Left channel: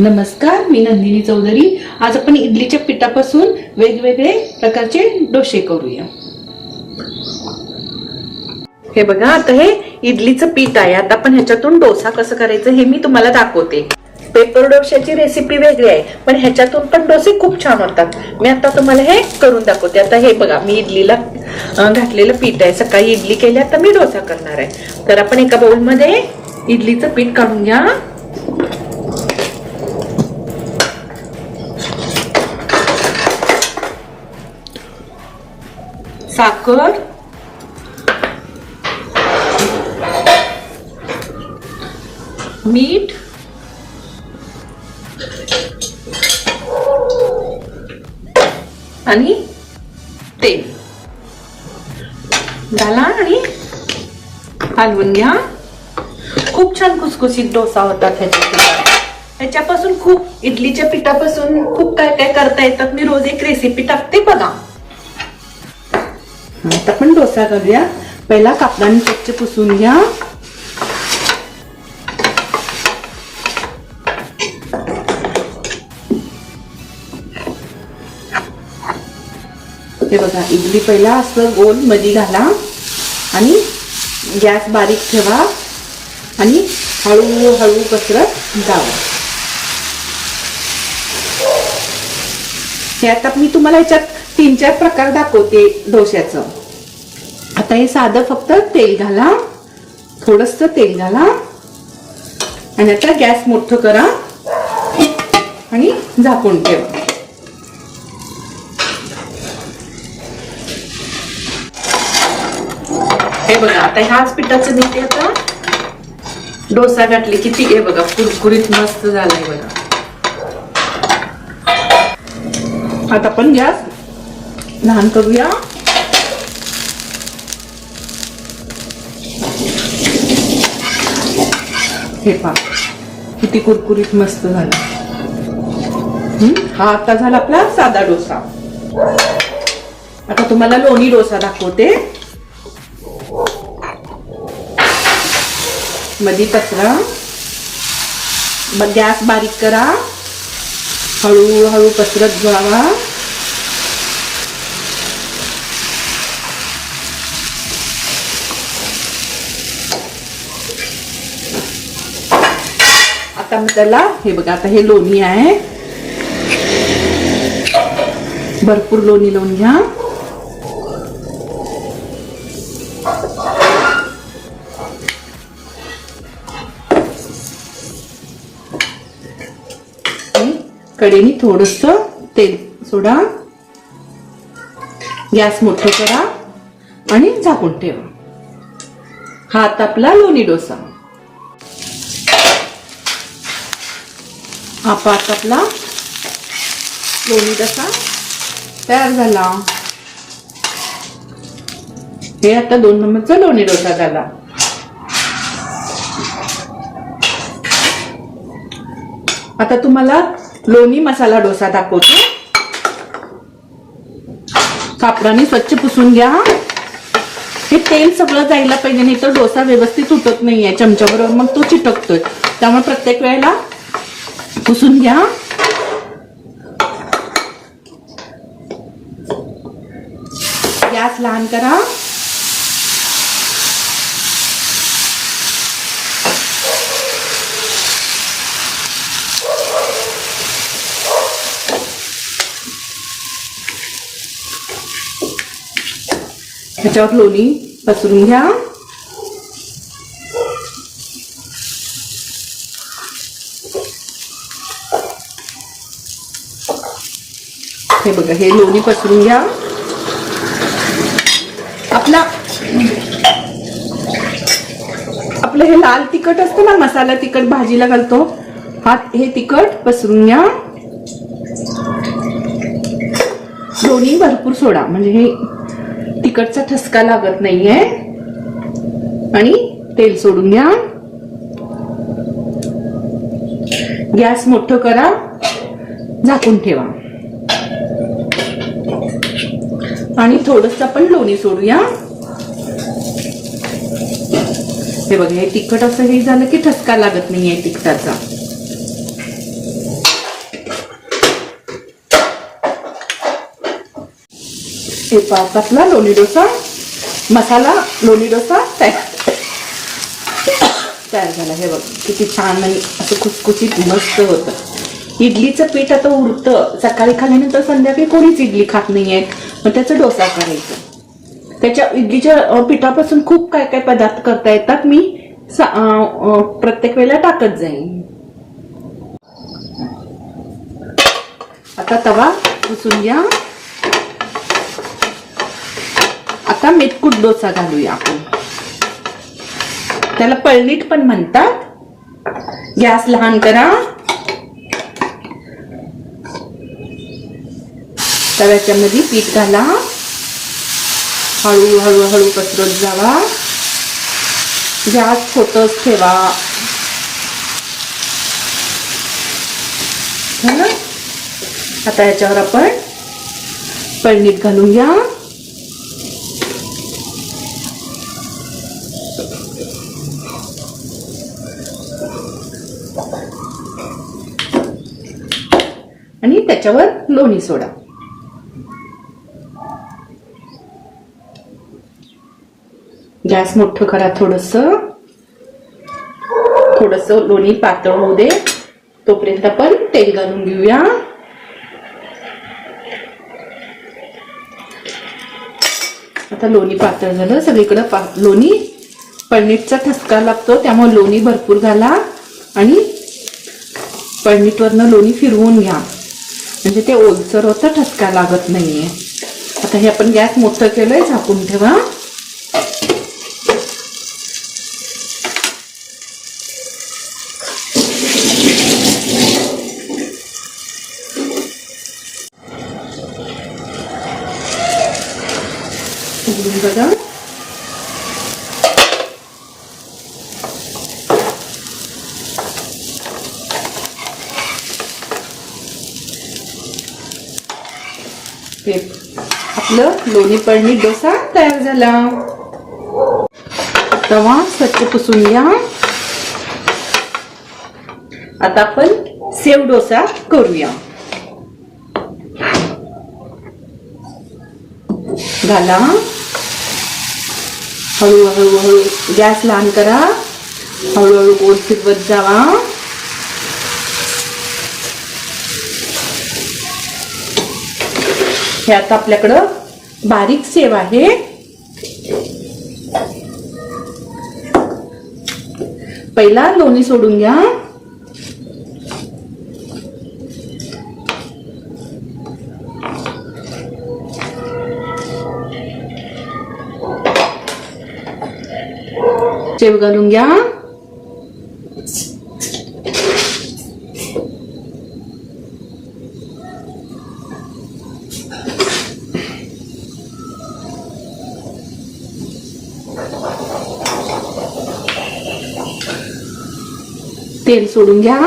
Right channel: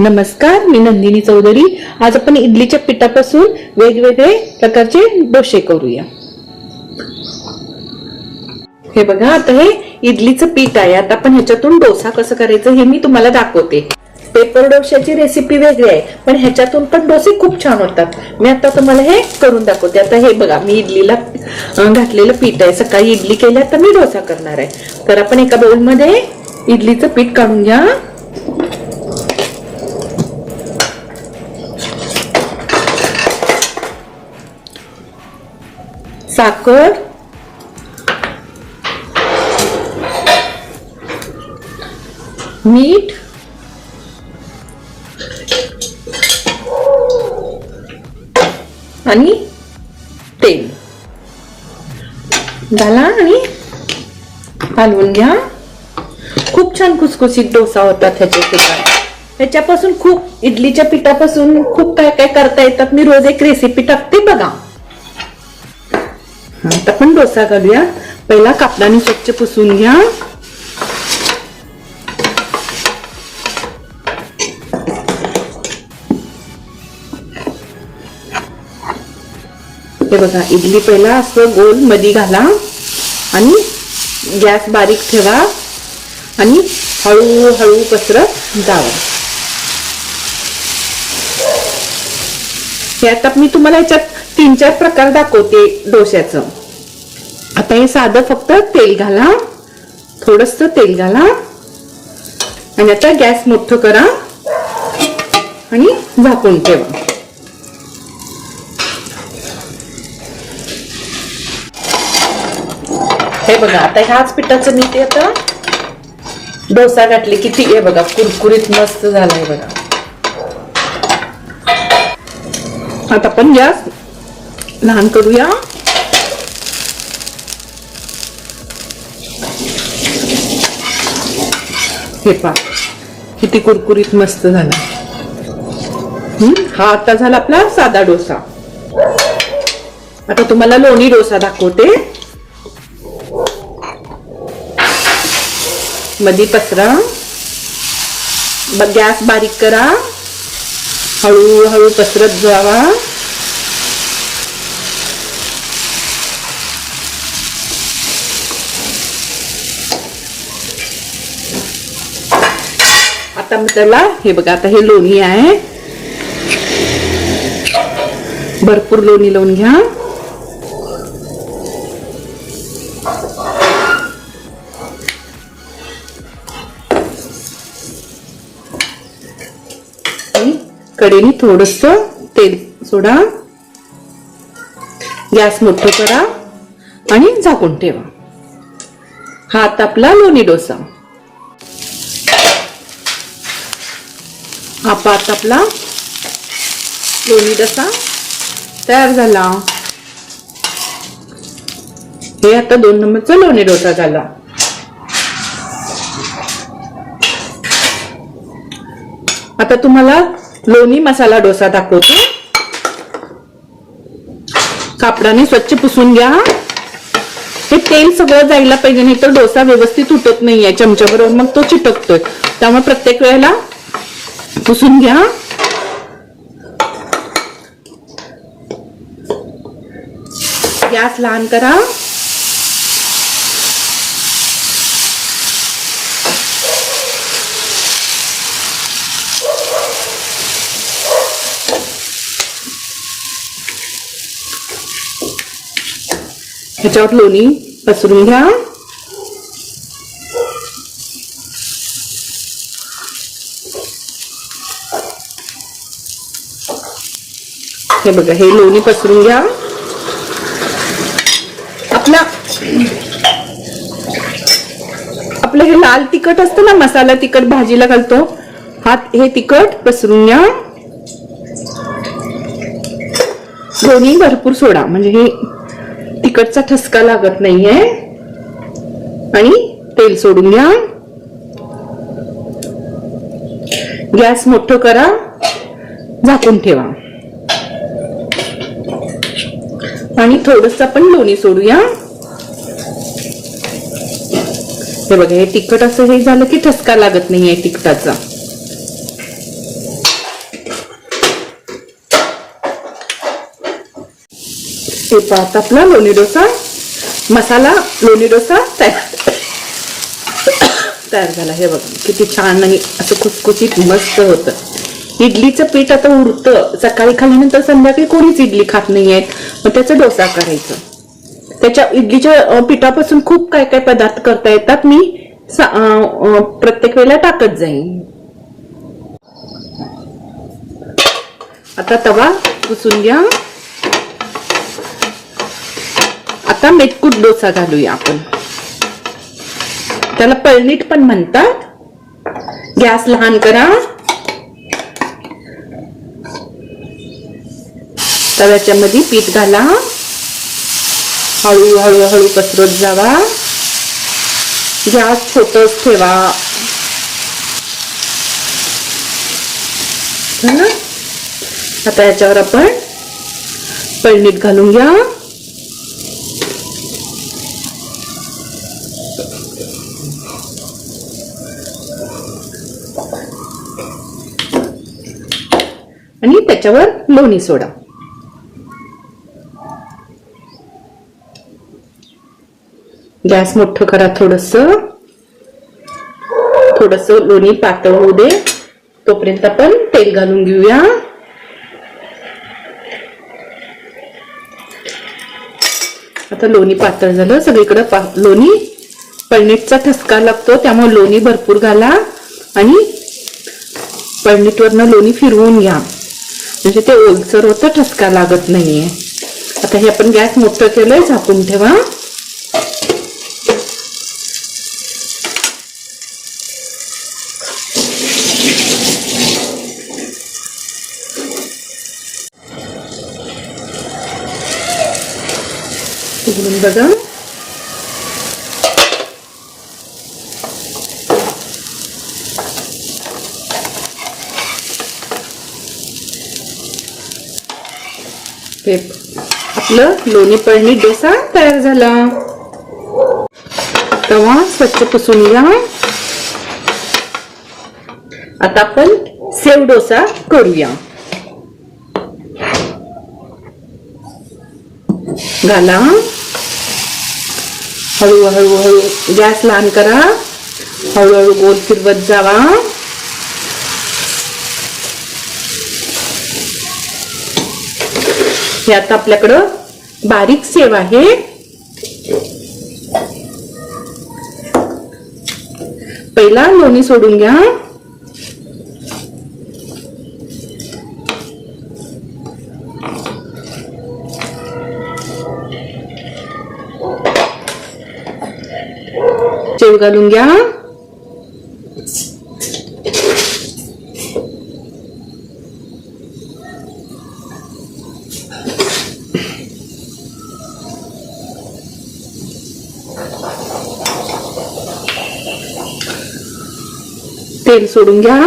नमस्कार मी नंदिनी चौधरी. आज आपण इडलीच्या पिठापासून वेगवेगळे प्रकारचे डोसे करूया. हे बघा आता हे इडलीचं पीठ आहे. आता आपण ह्याच्यातून डोसा कसं करायचं हे मी तुम्हाला दाखवते. पेपर डोश्याची रेसिपी वेगळी आहे पण ह्याच्यातून पण डोसे खूप छान होतात. मी आता तुम्हाला हे करून दाखवते. आता हे बघा मी इडलीला घातलेलं पीठ आहे. सकाळी इडली केली आता मी डोसा करणार आहे. तर आपण एका बाउलमध्ये इडलीचं पीठ काढून घ्या. साखर मीठ आणि तेल. घाला आणि हलवून घ्या. खूप छान खुसखुशीत डोसा होतात ह्याच्या त्याच्यापासून खूप इडलीच्या पिठापासून खूप काय काय करता येतात मी रोज एक रेसिपी टाकते बघा. आता पण डोसा घालूया. पहिला कापडाने स्वच्छ पुसून घ्या. हे बघा इडली पहिला असं गोलमध्ये घाला आणि गॅस बारीक ठेवा आणि हळूहळू पसरत जावा. हे आता मी तुम्हाला याच्यात तीन चार प्रकार दाखवते डोश्याचं. आता हे साधं फक्त तेल घाला. थोडस तेल घाला. आणि आता गॅस मोठं करा. आणि झाकून ठेवा. हे बघा आता ह्याच पिठाचं मी ते आता डोसा घातली किती हे बघा कुरकुरीत मस्त झालाय बघा. आता आपण गॅस लहान करूया. हे पहा किती कुरकुरीत मस्त झाला. हा? आता झाला आपला साधा डोसा. आता तुम्हाला लोणी डोसा दाखवते. मध्ये पसरा. गॅस बारीक करा. हळूहळू पसरत जावा. आपल्याला त्याला हे बघा आता हे लोणी आहे. भरपूर लोणी लावून घ्या. आणि थोडस तेल सोडा. गॅस मोठं करा आणि झाकून ठेवा. हा आता आपला लोणी डोसा. हा पात आपला लोणी डोसा तयार झाला. हे आता दोन नंबरचा लोणी डोसा झाला. आता तुम्हाला लोणी मसाला डोसा दाखवतो. कापडाने स्वच्छ पुसून घ्या. हे तेल सगळं जायला पाहिजे नाही तर डोसा व्यवस्थित उठत नाहीये चमच्या बरोबर मग तो चिटकतोय. त्यामुळे प्रत्येक वेळेला पुसून घ्या गॅस लहान करा ह्याच्यावर लोणी पसरून घ्या हे बघा हे लोणी पसरून घ्या. आपला आपलं हे लाल तिखट असतं ना मसाला तिखट भाजीला घालतो. हात हे तिखट पसरून घ्या. लोणी भरपूर सोडा म्हणजे हे तिखटचा ठसका लागत नाहीये. आणि तेल सोडून घ्या. गॅस मोठं करा. झाकून ठेवा. पाणी आणि थोडस आपण लोणी सोडूया. हे बघा हे तिखट असं हे झालं की ठसका लागत नाहीये तिखटाचा. आपला लोणी डोसा मसाला लोणी डोसा तयार. झाला. हे बघ किती छान नाही असं खुसखुशीत मस्त होतं. इडलीचं पीठ आता उरतं. सकाळी खाल्यानंतर संध्याकाळी कोणीच इडली खात नाहीये. मग त्याचा डोसा करायचा. त्याच्या इडलीच्या पिठापासून खूप काय काय पदार्थ करता येतात मी प्रत्येक वेळेला टाकत जाईन. आता तवा घुसून घ्या. आता मेटकूट डोसा घालूया आपण. त्याला पळणीट पण म्हणतात. गॅस लहान करा. तव्याच्या मध्ये पीठ घाला. हळू हळू हळू पसरत जावा. गॅस छोटच ठेवा. आता ह्याच्यावर आपण पळणीत घालून घ्या आणि त्याच्यावर लोणी सोडा. गॅस मोठं करा थोडस. थोडस लोणी पातळ होऊ दे. तोपर्यंत आपण तेल घालून घेऊया. आता लोणी पातळ झालं. सगळीकडे पा- लोणी. पळणीटचा ठसका लागतो त्यामुळे लोणी भरपूर घाला. आणि पळणीटवरनं लोणी फिरवून घ्या. म्हणजे ते ओलसर होतं ठसका लागत नाहीये. आता हे आपण गॅस मोठं केलंय झाकून ठेवा उघडून बघा हे आपलं लोणी पडणी डोसा तयार झाला. तवा स्वच्छ पुसून घ्या. आता आपण सेव डोसा करूया. घाला. हळू हळू हळू गॅस लहान करा. हळूहळू गोल फिरवत जावा. हे आता आपल्याकडं बारीक सेव आहे. पहिला लोणी सोडून घ्या. शेव घालून घ्या तेल सोडून घ्या.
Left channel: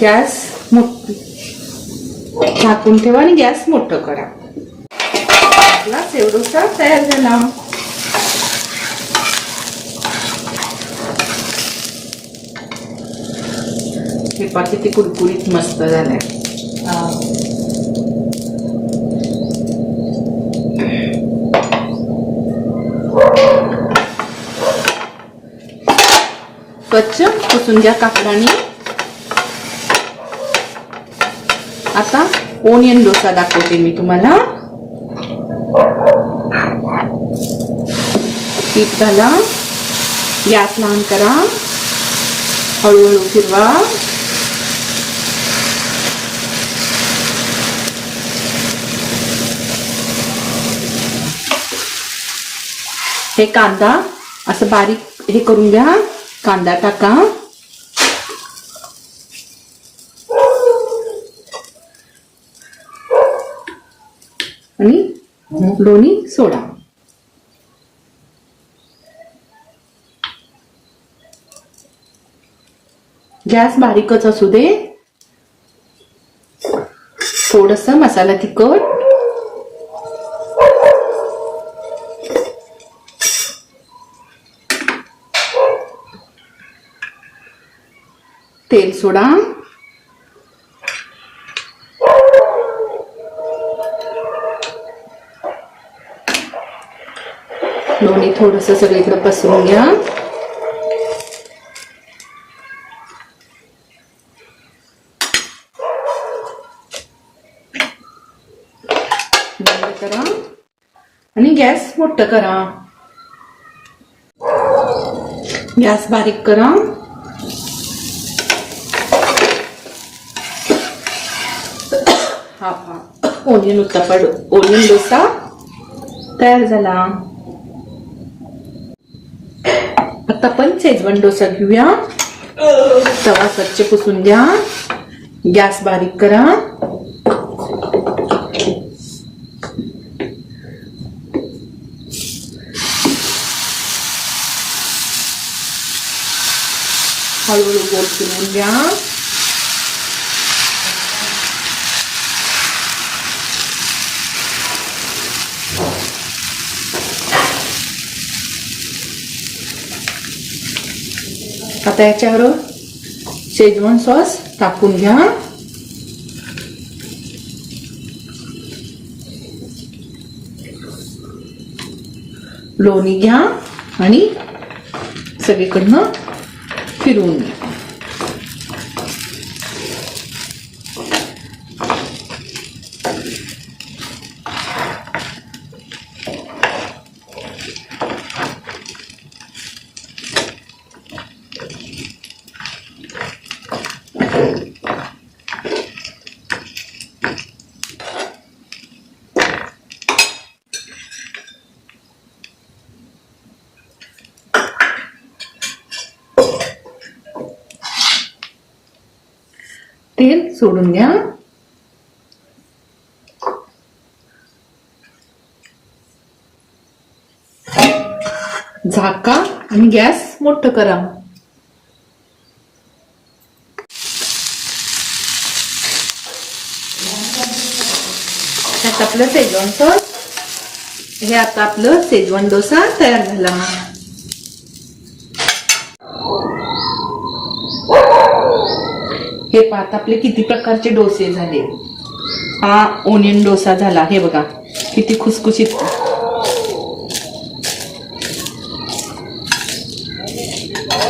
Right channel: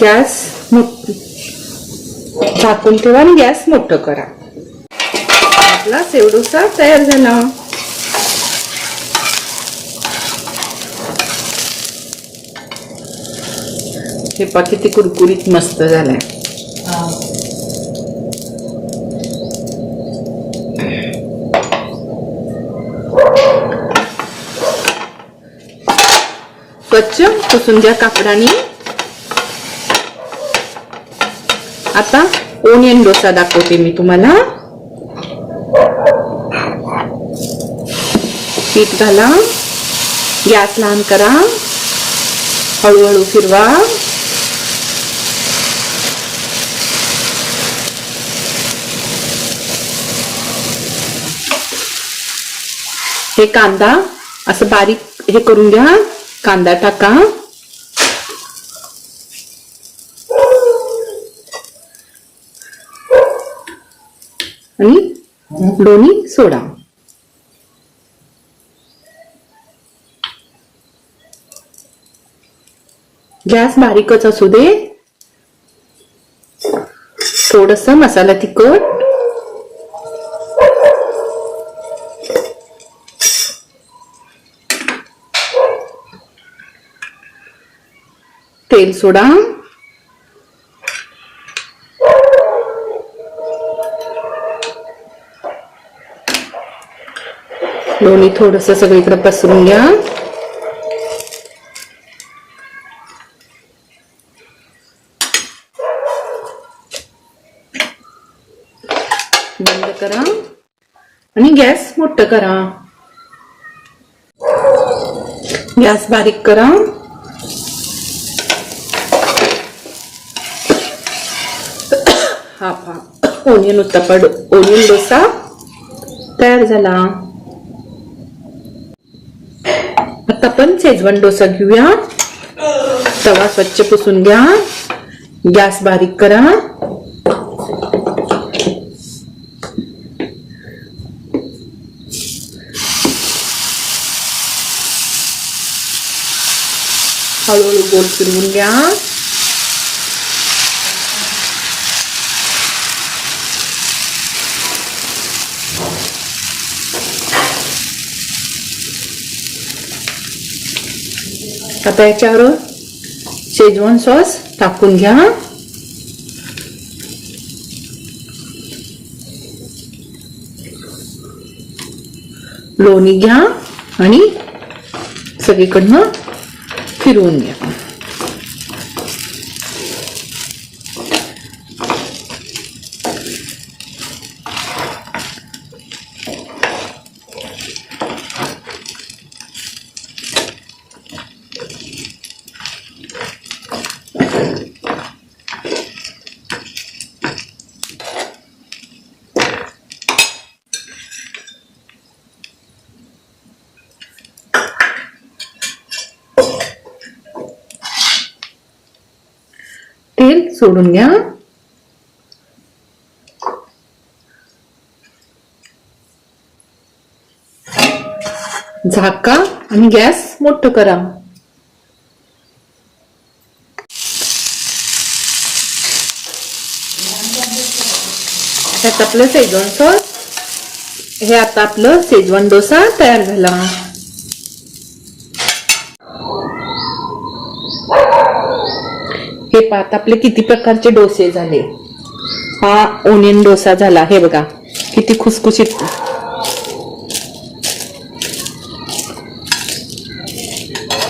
गॅस मोठ झाकून ठेवा आणि गॅस मोठं करा. आपला तयार झाला. हे पा किती कुरकुरीत मस्त झालाय. स्वच्छ पुसून घ्या कापडाने आता ओनियन डोसा दाखवते मी तुम्हाला पीठ घाला गॅस लहान करा हळूहळू फिरवा हे कांदा असं बारीक हे करून घ्या कांदा टाका. आणि लोणी सोडा. गॅस बारीकच असू दे. थोडस मसाला तिखट. तेल सोडा. लोणी थोडस सगळीकडे पसरून घ्या. बंद करा. आणि गॅस मोठं करा. गॅस बारीक करा. ओनियन उत्तपड ओनियन डोसा तयार झाला. आता आपण शेजवान डोसा घेऊया. तवा स्वच्छ पुसून घ्या. गॅस बारीक करा. हळूहळू गोल फिरवून घ्या. आता याच्यावर शेजवान सॉस टाकून घ्या लोणी घ्या आणि सगळीकडनं फिरवून घ्या तेल सोडून घ्या. झाका आणि गॅस मोठं करा. आता आपलं शेजवान सॉस हे आता आपलं शेजवान डोसा तयार झाला. हे पाहत आपले किती प्रकारचे डोसे झाले. हा ओनियन डोसा झाला. हे बघा किती खुसखुशीत.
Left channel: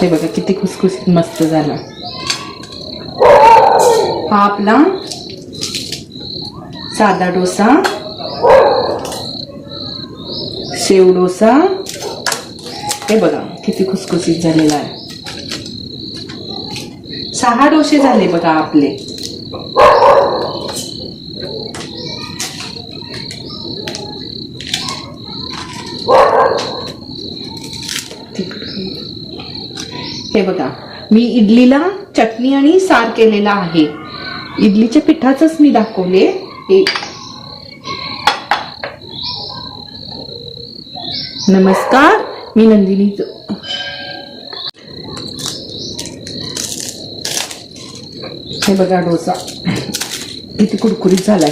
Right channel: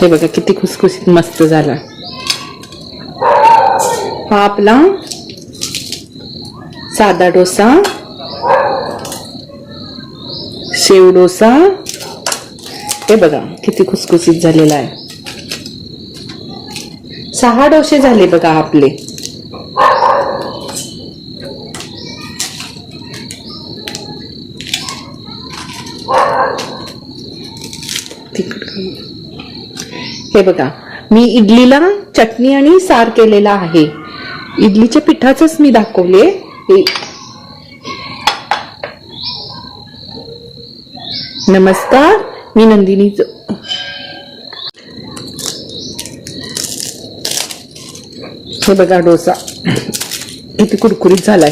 हे बघा किती खुसखुशीत मस्त झाला. हा आपला साधा डोसा शेव डोसा. हे बघा किती खुसखुशीत झालेला आहे. सहा डोसे झाले बघा आपले. हे बघा मी इडलीला चटणी आणि सार केलेला आहे. इडलीच्या पिठाचंच मी दाखवले. हे नमस्कार मी नंदिनी हे बघा डोसा. किती कुरकुरीत झालाय.